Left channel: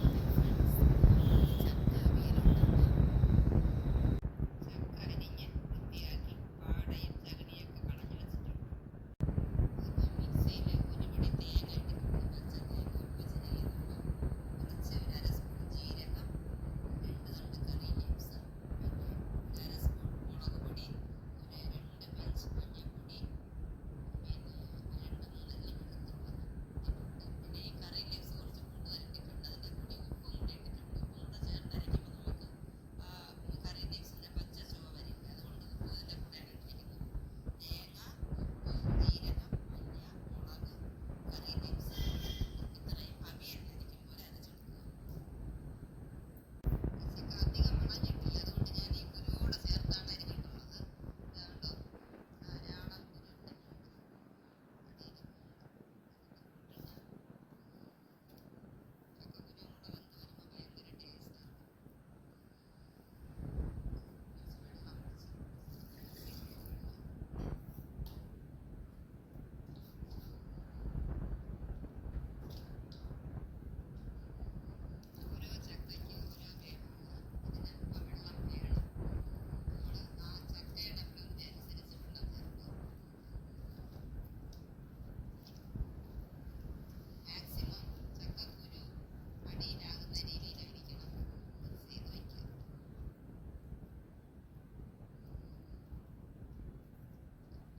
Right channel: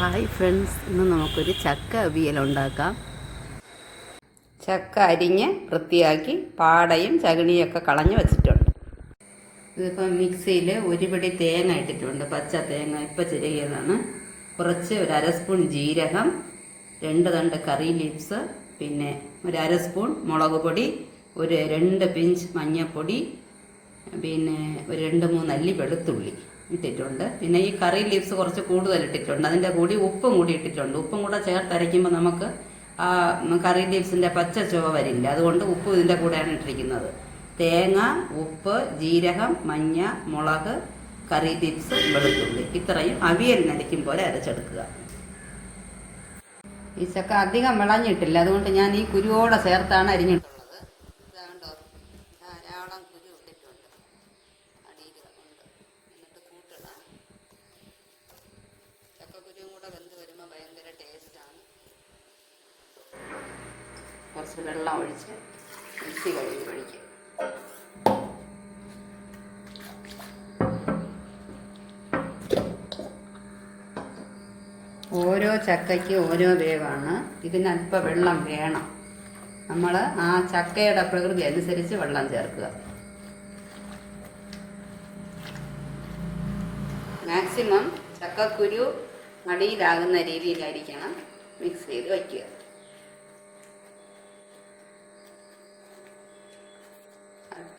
Hi friends, ഇന്ന് നമുക്കൊരു ചക്ക അവിയൽ ഉണ്ടാക്കാം. ചക്ക അരിഞ്ഞ് വൃത്തിയാക്കി പാടയും ചകിണിയൊക്കെ കളഞ്ഞ് വെച്ചിട്ടുണ്ട്. ഇതിപ്പം മിക്സിയിൽ ഒരു പിടി തേങ്ങ ഇട്ടിട്ടുണ്ട്, പച്ച തേങ്ങ ഇപ്പം ചിരകിയതാണ്. കുറച്ച് ഒരു അര സ്പൂൺ ജീരകം, 2 തണ്ട് കറി ലീവ്സ്, പിന്നെ ഒരു അര സ്പൂൺ മുളക് പൊടി, ഒരു 2 പിഞ്ച് മഞ്ഞൾപ്പൊടി, പിന്നെ ഒരു 2-3 അല്ലി വെളുത്തുള്ളി ഇട്ടിട്ടുണ്ട്. പിന്നെ ഈ കറി ലീവ്സ് കുറച്ച് കൂടുതൽ ഇട്ടിട്ടുണ്ട്. അതിൻ്റെ കൂടി ഉപ്പും കൂടി ഇട്ടിട്ടുണ്ട്. ഉപ്പും കൂടെ ചേർത്തരയ്ക്കുമ്പോൾ നമുക്ക് ആ കറി ലീവ്സിൻ്റെ പച്ച ചുവ വരില്ല. അതുകൊണ്ട് ഉപ്പ് ഇതിൻ്റെ കൂടെയാണ് ഇട്ടിരിക്കുന്നത്. തേങ്ങ, ഉപ്പ്, ജീരകം, മഞ്ഞ, മുളക്, കറി ലീവ്സ്, വെളുത്തുള്ളി, ഇത്രയും അവിയലിനരയ്ക്കും പോലെ അരച്ചെടുക്കുക. ഈ ചക്ക അധികം വിളഞ്ഞിട്ടില്ല, അതുകൊണ്ട് ഞാൻ ഈ കുരുവോടെ ചേർത്താണ് അരിഞ്ഞിട്ടുള്ളത്. കുറച്ച് വെള്ളം ഒഴിച്ച് മിക്സി കഴുകി ഒഴിക്കും. ഓരോ ചക്കയ്ക്ക് ഓരോ വേവാണ്. ഇതിനല്പം വെള്ളം വേണം. നമ്മൾ ആ ചക്കയുടെ പ്രകൃതി അനുസരിച്ച് വെള്ളം ചേർക്കുക. മാക്സിമം ചക്കക്കുരു അടിയിലാകുന്ന രീതിയിലായിരിക്കണം മിക്സ് ചെയ്ത് വയ്ക്കുക.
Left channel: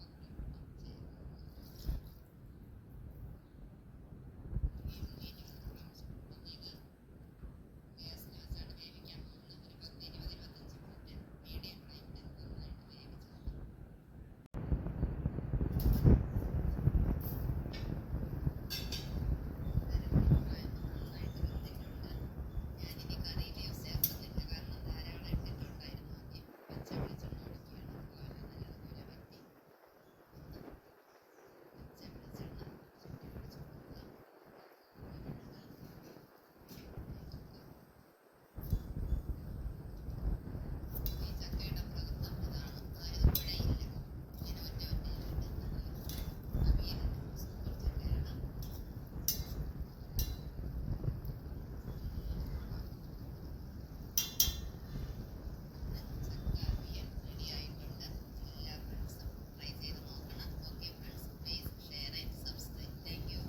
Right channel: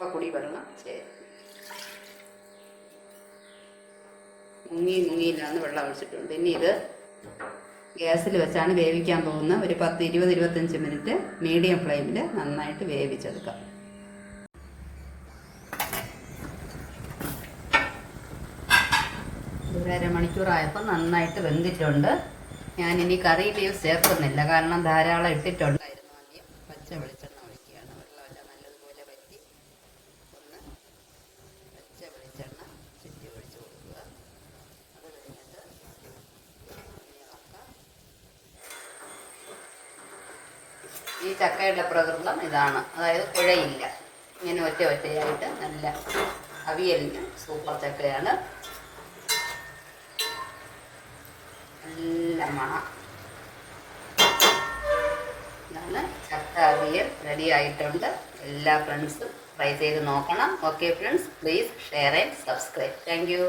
അല്പപ്പൊടി വെള്ളം ചേരും. മുങ്ങിയിലാണ് വെള്ളം ഒഴിച്ചിട്ടുണ്ട്. ഇനി ഇത് ഗ്യാസിൽ വെച്ചാണ് വേവിക്കാൻ പോകുന്നത്. ഒരു 10-20-25 മിനിറ്റ് മീഡിയം ഫ്ലെയിമിൽ നന്നായിട്ട് വേവിച്ചെടുക്കാം. ഒരു അരമണിക്കൂറായപ്പോൾ നന്നായിട്ട് വെന്തിട്ടുണ്ട്. ഞാനിനി കറി ലീവ്സ് ചേർക്കുന്നില്ല, കാരണം ധാരാളം ഇട്ടിട്ടുണ്ടായിരുന്നു. പച്ച വെളിച്ചെണ്ണ ഒഴിക്കുകയാണ്. വെള്ളമെല്ലാം നല്ലതുപോലെ വറ്റി ഒന്ന് പച്ച വെളിച്ചെണ്ണ ചുറ്റി ഒഴിച്ച് കൊടുക്കുക. അത് കഴിഞ്ഞിട്ട് ഈ ചക്കയുടെ പ്രകൃതം ഇതാണ്, അതായത് കുഴയില്ല. ഇങ്ങനെ ഒറ്റയായിട്ട് നല്ല അവിയലിന് സൂപ്പർ ചക്കയാണ്. നല്ല മണം. ഇതാണ് ചക്ക അവിയൽ റെഡി ആയിട്ടുണ്ട്. എല്ലാ ഫ്രണ്ട്സും ട്രൈ ചെയ്ത് നോക്കണം. Okay friends, please share and subscribe. Thank you.